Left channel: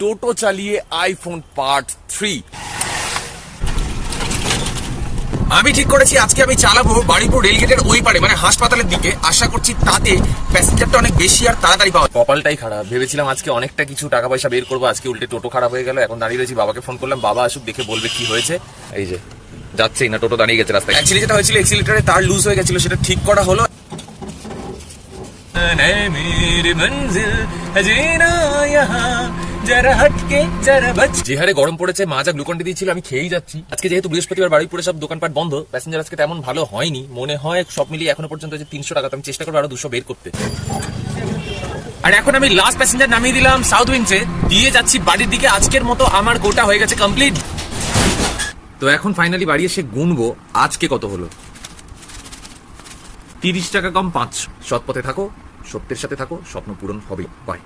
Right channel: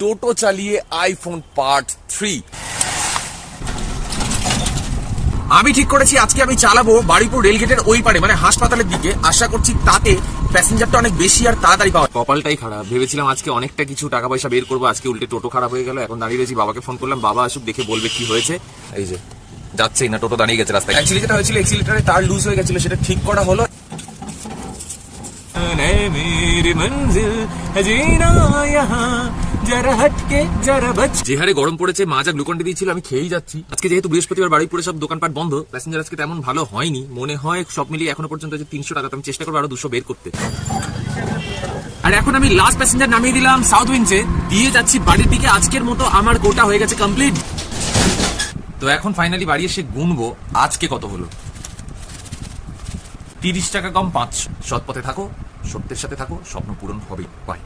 টোটো চালিয়ে iPhone part 3। আমি ঠিক করেছি আজকে আমি চালাবো বারুইপুর রেলগেটের ওই পারে, মানে হাসপাতালের দিকে। আশা করছি তাতে প্যাসেঞ্জারটা অনেক বেশি আর তাড়াতাড়ি পাওয়া। কপালটাই খারাপ, ভেবেছিলাম আজকে অনেকটা কিছু টাকা পয়সা বের করবো, আজকে উল্টে টোটো খারাপ হয়ে গেল। এখন দাঁড়িয়ে রয়েছি, বাবাকে ফোন করলাম, বাবা আসুক দেখে বলবে কি হয়েছে। এই যে যাচ্ছেই না, টোটো দাঁড়িয়ে গেছে রাস্তায়। অ্যাকচুয়ালি যেটা হয়েছিল, এক্সিলেটরে তার লুজ হয়ে গেছিল, সেটা ঠিক করা হলো। যে হারে গরম পড়েছে, মা যা গ্লুকন্ডি দিয়েছিল আমি খেয়েই যাচ্ছি। আজকে যেহেতু বৃহস্পতিবার বারুইপুরে সব দোকানপাট বন্ধ, প্যাসেঞ্জার আজকে তেমন ভালো হয়নি মনে হয়। সব মিলিয়ে এখনো পর্যন্ত যে 300 টাকা, আমি চেষ্টা করবো আরো 200 বের করতে। আর এখন আমি লাস্ট প্যাসেঞ্জার নামিয়ে দিলাম সাউথ উইন্ডসে, দিয়ে যাচ্ছি বাড়ির দিকে। আজকের মতো আমার গোটা হয়ে গেছে কমপ্লিট। তো এখন ফাইনালি বাড়ি এসে গুনবো আজকে কত হলো। 30 টাকা কম 5। সৎ পথে থাকো, সত্যের সাথে থাকো, স্বপ্ন পূরণ হবে। বাই।